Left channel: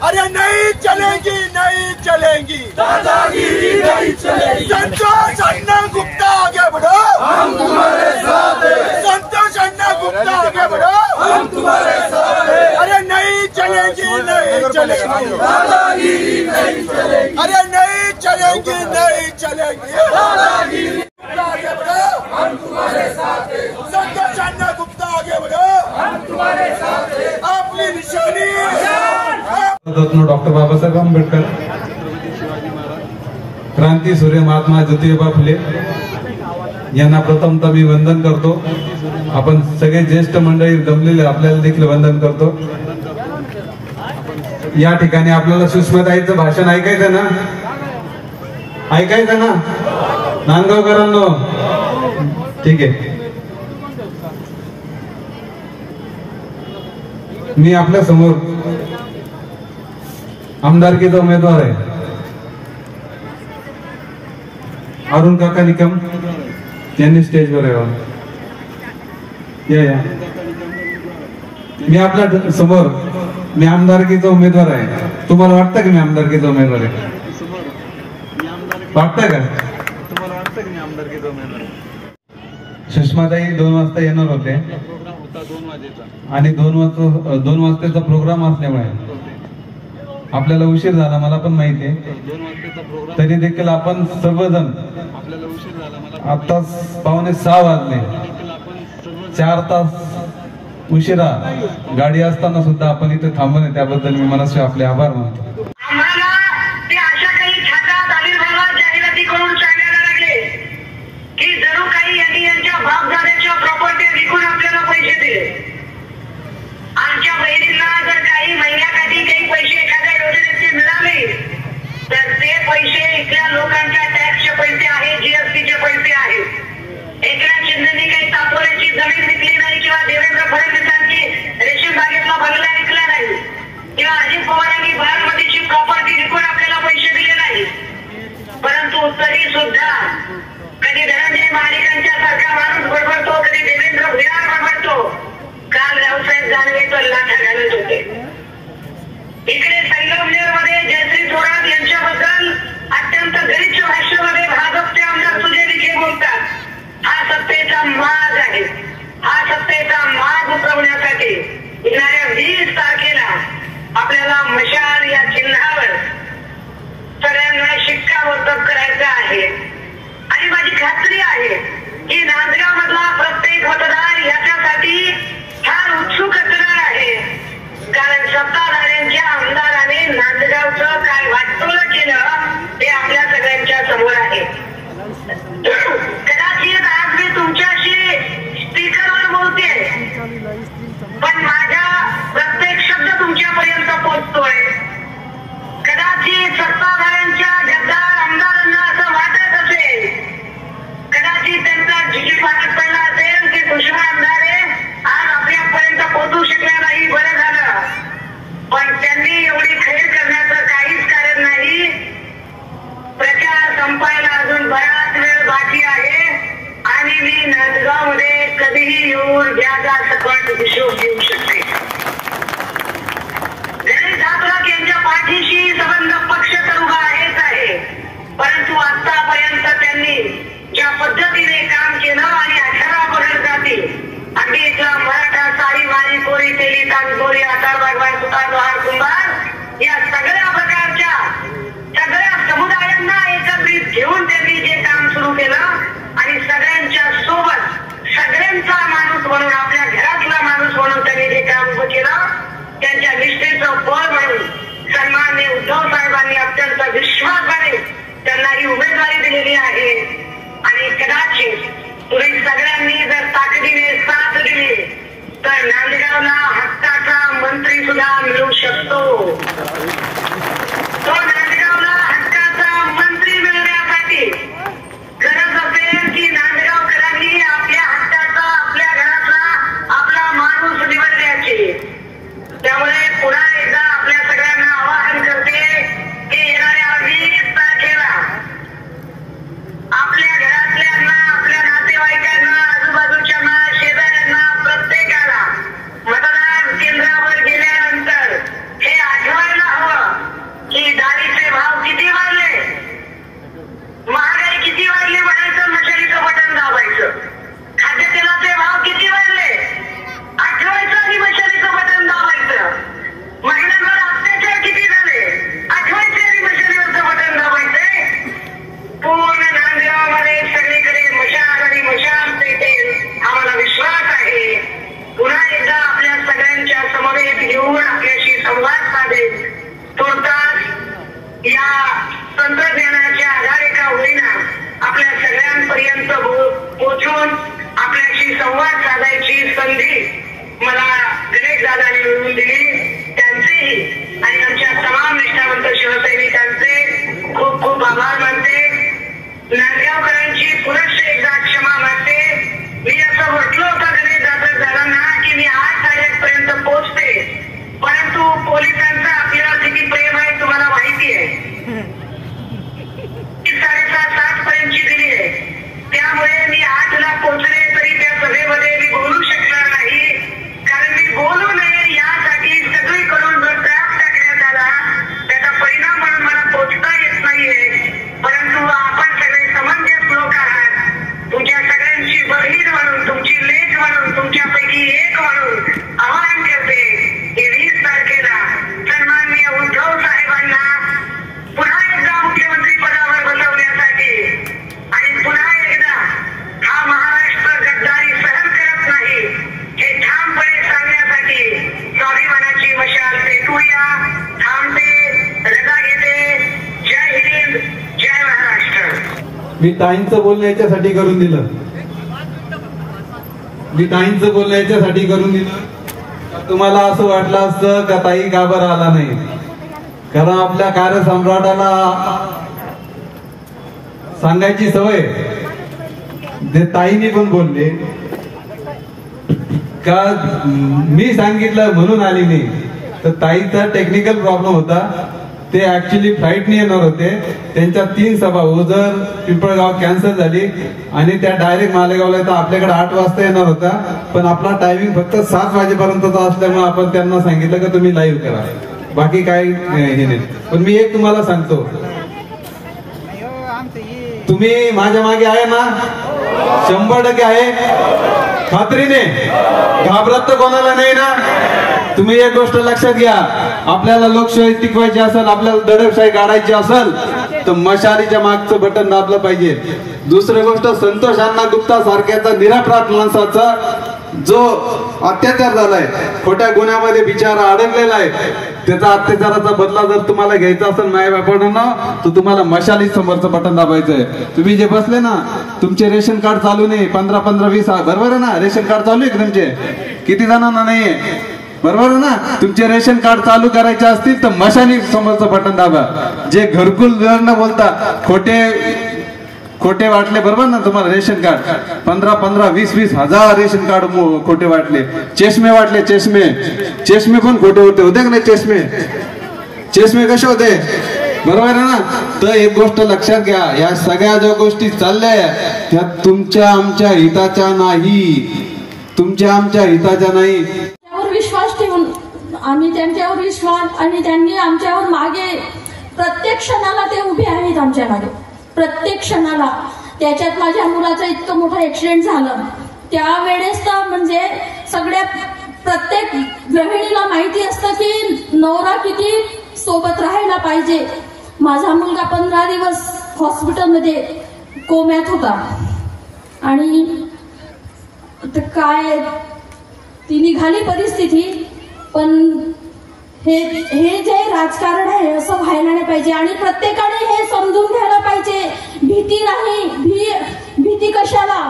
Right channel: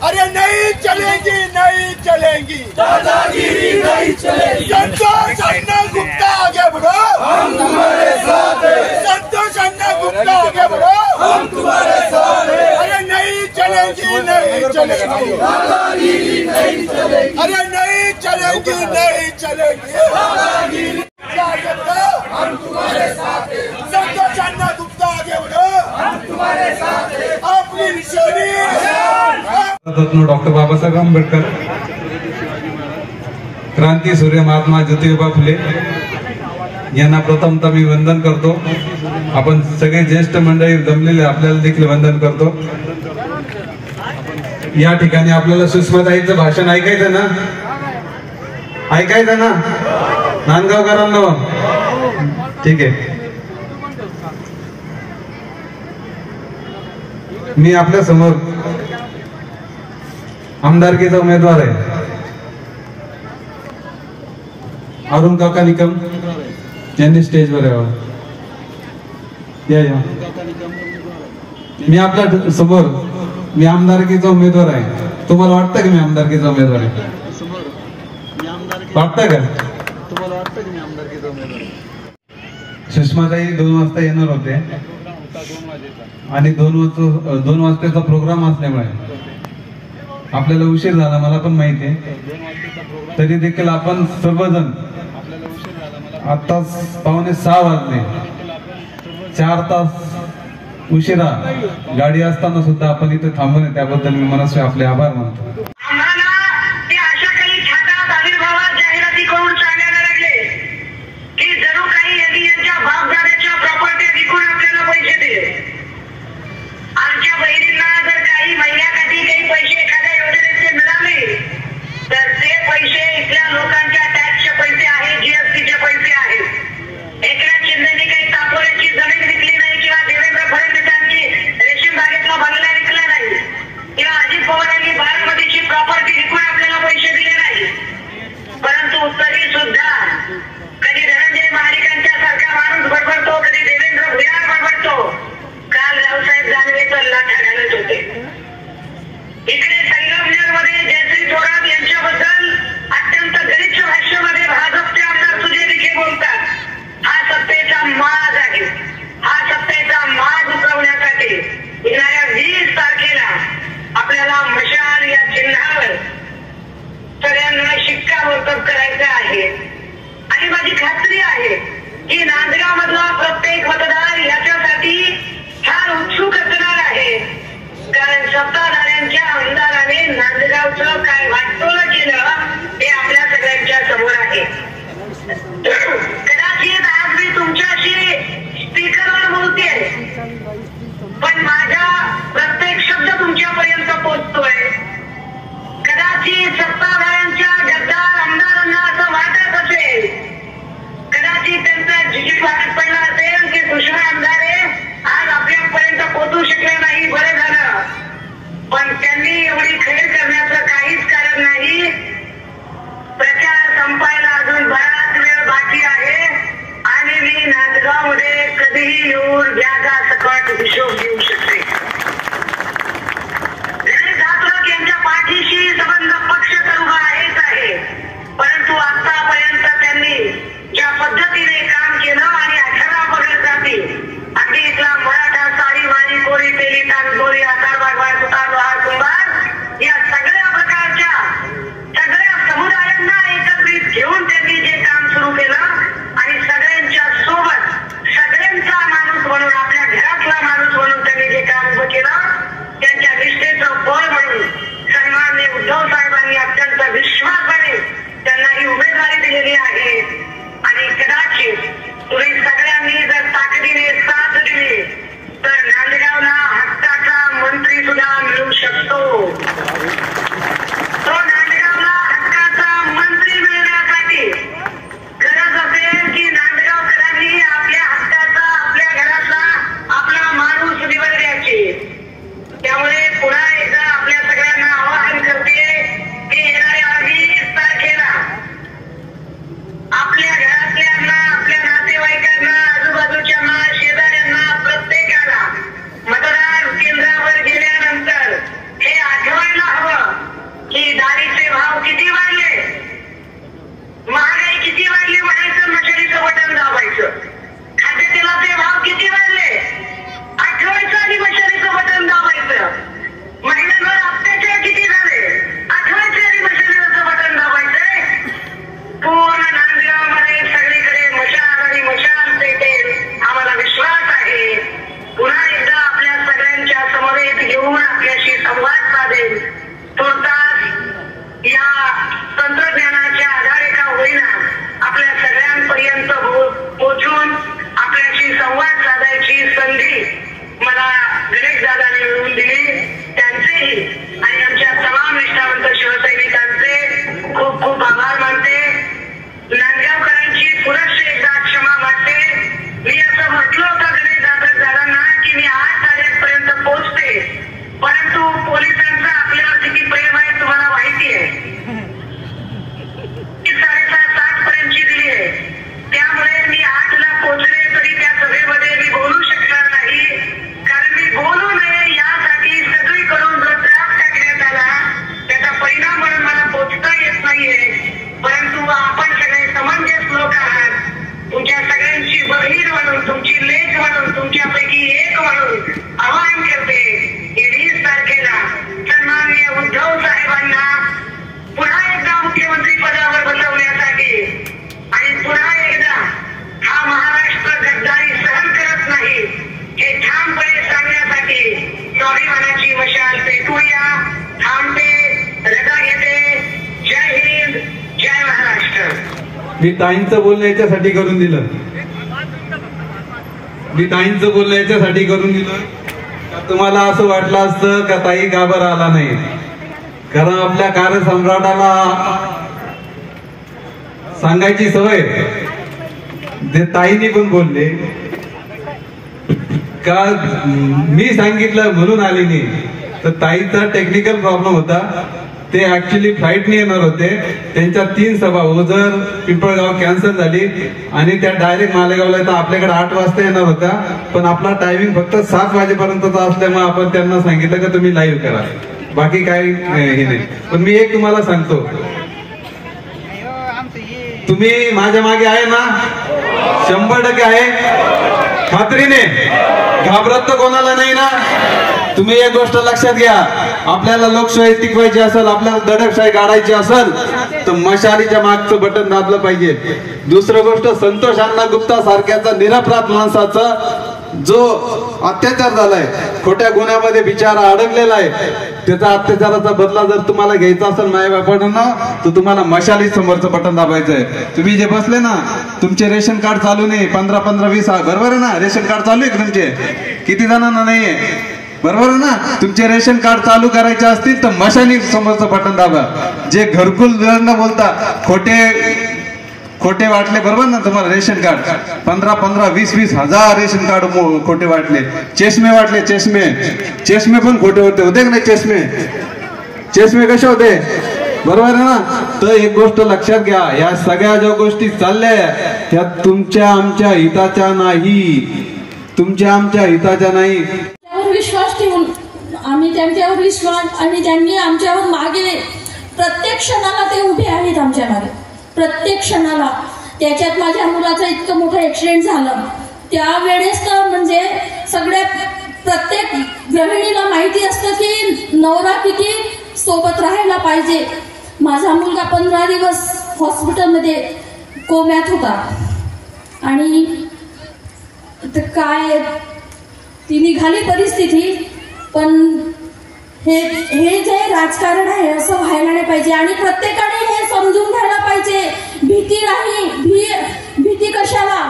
अरे नहीं चलेगी, नहीं चलेगी, दादागिरी नहीं चलेगी। संतोष अन्ना गुप्ता आगे बढ़ो, हम तुम्हारे साथ हैं। संतोष अन्ना गुप्ता आगे बढ़ो, हम तुम्हारे साथ हैं। अरे नहीं चलेगी, नहीं चलेगी, दादागिरी नहीं चलेगी। अरे नहीं चलेगी, नहीं चलेगी, दादागिरी आगे बढ़ो, हम तुम्हारे साथ हैं। संतोष अन्ना गुप्ता आगे बढ़ो, हम तुम्हारे साथ हैं। अपनी निशानी डॉक्टर बाबासाहेब आंबेडकर, क्रांती सूर्य महात्मा ज्योतिबा फुले यांना प्रथमतः मी वंदन करतो। आपण सगळे ज्येष्ठ मंडळी जमलेले आपल्याला देखील वंदन करतो। या ठिकाणी आपल्याला सुषमाताईंचं भाषण ऐकायचं ना, ऐकायचं ना नांदगावकरांनो? ठीक आहे, मी आपल्या समोर आमदारकीचा उमेदवार आहे अरुण काका निकम यांनी स्टेजवर यावं। या मी आपल्या समोर मी आमदारकीचा उमेदवार आहे। तुम्हाला वाटतं की मी आमदारकीचा उमेदवार आहे? वाटतं का तुम्हाला? वाटतं की मी आमदारकीचा उमेदवार आहे? सुषमाताई 2 वाजता येणार होते आणि 2 वाजताचा प्रोग्राम असल्यामुळे आपल्याला उशीर झाला, मला पण माहिती आहे। तरी देखील आपण सर्वजण आता 5:45 वाजले, 4 तास उशिरा गाडी असताना सुद्धा आपण इथे थांबून आहे, त्याबद्दल मी मनाचे आपले आभार मानतो। आम्हाला ते अशा काही छातात आविर्भावात जाहिराती करून सांगायला लागले की जणू काही यांनी यांच्या बापदाद्याच्या प्रॉपर्टी विकून आपल्याला पैसे दिले। आमच्या बहिणींना जर काही महिन्याकाठी काही पैसे एखाद्या योजनेचे मिळाले तर ते पैसे इथल्या लोकांच्या टॅक्सचे पैसे आहेत, जीएसटीचे पैसे आहेत। एकनाथ शिंदेनी काही तापोऱ्याची जमीन विकली नाही किंवा देवेंद्र फडणवीसांची रेशीम बागेतला बंगला विकला नाही किंवा अजित पवारांनी बारामतीची प्रॉपर्टी विकून आपल्याला पैसे दिले नाही। परंतु तरी सुद्धा कधी धनंजय महाडिकांच्या सारखा माणूस बडबडतो, कधी देवेंद्र भुयार बडबडतो। काल रावसाहेब दानवे तर लाथा घालत होते। इकडे संगमनेरमध्ये जयश्री थोरात यांच्याबद्दल अत्यंत गलिच्छ भाषेमध्ये भाजपचे आमदार सुजय विखे बोलतात। हा सत्तेचा माज आहे। हा सत्तेचा माज उतरवण्यासाठी येणाऱ्या 20 तारखेला आपल्याला मशाल या चिन्हावर सगळ्यांना शिक्कामोर्तब करायचं आहे। आणि माझी खात्री आहे की नांदगाव मधला प्रत्येक मतदार याच्यासाठी फार उत्सुक असणार आहे, कारण सत्ताधाऱ्यांच्या आमदाराने नांदगावचं काय वाटोळं केलं ते आपल्या सगळ्यांच्या समोर आहे। कदाचित आज मी तुमच्याशी स्पीकरवर बोलतेय, पण माझा प्रत्येक शब्द तुमच्यापर्यंत पोहोचतोय। कदाचित सत्ताधाऱ्यांच्या गद्दार आमदारांना असं वाटत असेल, कदाचित त्यांचा झिकी वाटत पडला असेल की सुषमा आमदारे आज आपल्यापर्यंत पोहोचू शकल्या नाही, बरं झालं। पण त्यांनी एवढी खैर करण्याचं काहीच कारण नाही। प्रचार संपायला अजून बराच वेळ बाकी आहे आणि मी नांदगावमध्ये कधीही येऊन व्याजा सकट हिशोब घेऊ शकते। गणेश दातोरक यांच्या पाठीशी संबंध पक्ष तर उभा आहेच आहे, परंतु आतापर्यंत त्यांनी ज्या पद्धतीने काम केलं आणि 18 पगड जाती अगदी इथला मराठा साडी वारी कोळी तेली तांदोरी आकार बागवान सुतार लोहार कुंभार या सगळ्या प्रकारच्या सगळ्या समुदायांना एकत्रित घेऊन त्यांनी जे काम सुरू केलं आणि सगळ्यांच्या सोबत सगळ्यांचा माणूस म्हणून आपल्या घरातला माणूस म्हणून त्यांनी जे काम उभं केलं त्यांच्या निष्ठेचं फळ म्हणून सन्माननीय उद्धव साहेबांनी अत्यंत विश्वासाने त्यांना ही उमेदवारी दिलेली आहे। आणि कदाचित तुम्ही सगळे खूप खूप आभार मानते. नांदगावकरांची पुनश्च एकदा क्षमा मागते. मी असं म्हटलं होतं घरी दाखल झाला ना की मी 8-8:30 पर्यंत पोहोचते, परंतु पोलिसांचा आपल्यावर किती प्रेम आहे तुम्हाला माहिती आहे. 7:30 पर्यंतची दिली आहे, त्यामुळे मी 8ला पोहोचले तरी त्या सभेमध्ये मी बोलू शकणार नाही. कारण मी बोलू नये यासाठी सगळीकडून जो ट्रॅप टाकण्यात आला त्याचा परिणाम म्हणून मला पोहोचता येत नाहीये. परंतु आपण सगळे समंजस लोक आहात. तुमच्या सगळ्यांची बहीण म्हणून, तुमची लेक म्हणून, तुमच्यापैकी एक म्हणून आवाहन करते की 20 तारखेला सन्माननीय उद्धव साहेबांना पुन्हा एकदा मुख्यमंत्री पदावर बसवण्यासाठी आणि पुन्हा एकदा हा महाराष्ट्र गद्दारी सहन करत नाही हे ठामपणे सांगण्यासाठी स्वाभिमानाची मशाल पेटूया. थांबते, रजा घेते. जय हिंद, जय महाराष्ट्र. मी ताईंचं बोलणं याच्यासाठी करून दिलं. तुम्हाला असं वाटलं असतं का ताई का बरं आला नाही, कारण आपल्या कार्यसम्राटाला सांगायची सवय. जे ताईंनी पण बोलले का मी सांगितलं म्हणून आली नाही, तर ताईचा टेक्निकल प्रॉब्लेम होता. ते ऍक्च्युली फ्लाईटने येणार होते. त्यांच्या 3 सभा ओझर, पिंपळगाव कॅन्सल झाली आणि त्या डायरेक्ट मालेगावला तर आपल्याकडे 8 वाजता येणार होता. पण आपला टायमिंग फक्त 7 वाजेपर्यंतचा असल्यामुळे आपण त्यांना सांगितलं का तुम्ही लाईव्ह करा, बाकी काही हे नाही. पण मी एक तुम्हाला सांगतो, तुम्ही माझ्या मागे आहे ना, 100% आहे, खात्रीने. घाबरत तर कोणाला नाही ना. तुम्ही एक गोष्ट लक्षात घ्या, आपल्याला लोकशाही टिकवायची असेल, आपल्याला दडपशाही काढायची असेल तर मशालीच्या मागचं बटन दाबलं पाहिजे. दुसरी गोष्ट, संतोष अण्णा गुप्ता सारख्याचा निरपराध माणसाचा जो अत्याचार झालाय, खोट्या गुन्ह्यामध्ये बिचारा अडकलेला आहे, त्याचा अत्याचाराचा बदला जर तुम्हाला घ्यायचा असेल मायबापांना, तर तुम्हाला मशाली समोरचं बटन दाबायचं आहे. तुम्ही जे बसले ना, तुमचे रेशन कार्ड चालू नाही, 15-20 बरोबर आहे ना, रेशन कार्ड चालू आहे तुमचे, किती जणांना नाहीये, बरोबर आहे ना. तुमचे रेशन कार्ड चालू करायचे असतील तर मशाली समोरचं बटन दाबा. जे घरकुल बोलता खोटे वाटले, बरोबर ना, तुम्हाला रेशन कार्ड 15-20 हजार रेशन कार्ड खोटे वाटले. चष्मे वाटले, चष्मे पण खोटे होते का नाही? चष्मे कसे होते, बरोबर आहे ना. तर एक गोष्ट लक्षात घ्या, या सगळ्या ज्या गोष्टी चालल्या त्या तुमच्या आमच्या हिताच्या नाही. विश्वास ठेवून आम्ही त्यांच्यावर विश्वास, आणि त्यांनी आमच्यावर मागे प्रत्येक क्षणाला ते उभे आहेत आमच्या मागे, प्रत्येक क्षणाला. त्याच्यात माझ्या मुलाचा इतकं मोठं ऍक्सिडेंट झालं त्यावेळेस तर म्हणजे प्रत्येक गृहिणीला माहिती असतं की नवरा किती सोबत राहायला पाहिजे. माझा मुलगा 15 दिवस हॉस्पिटलमध्ये कोम्यात होता आणि काय ती निघाली परिस्थिती. पण हे जे राजकारण आहे असं व्हायला नाही पाहिजे आणि प्रत्येकाने हे समजून घ्यायला पाहिजे. भीती नाही, भीती कशाला,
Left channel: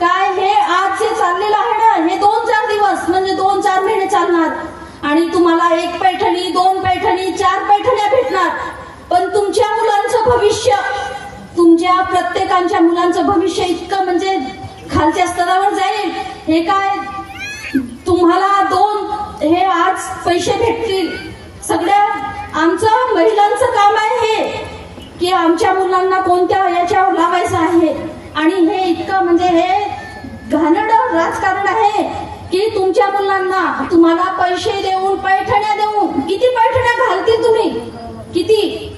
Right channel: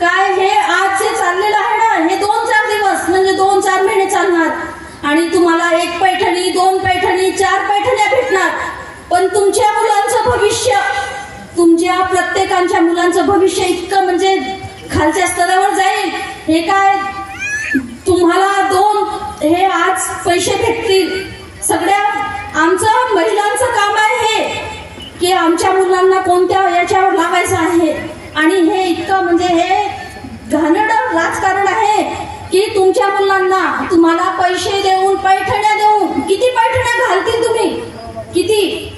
काय हे आज जे चाललेलं आहे ना, हे 2-4 दिवस म्हणजे 2-4 महिने चालणार आणि तुम्हाला 1 पैठणी, 2 पैठणी, 4 पैठण्या भेटणार. पण तुमच्या मुलांचं भविष्य, तुमच्या प्रत्येकांच्या मुलांचं भविष्य इतकं म्हणजे खालच्या स्तरावर जाईल. हे काय तुम्हाला हे आज पैसे भेटतील, सगळ्या आमचं महिलांचं काम आहे हे की आमच्या मुलांना कोणत्या याच्यावर लावायचं आहे. आणि हे इतकं म्हणजे हे घाणेरडं राजकारण आहे की तुमच्या मुलांना तुम्हाला पैसे देऊन, पैठण्या देऊन, किती पैठण्या घालतील तुम्ही, किती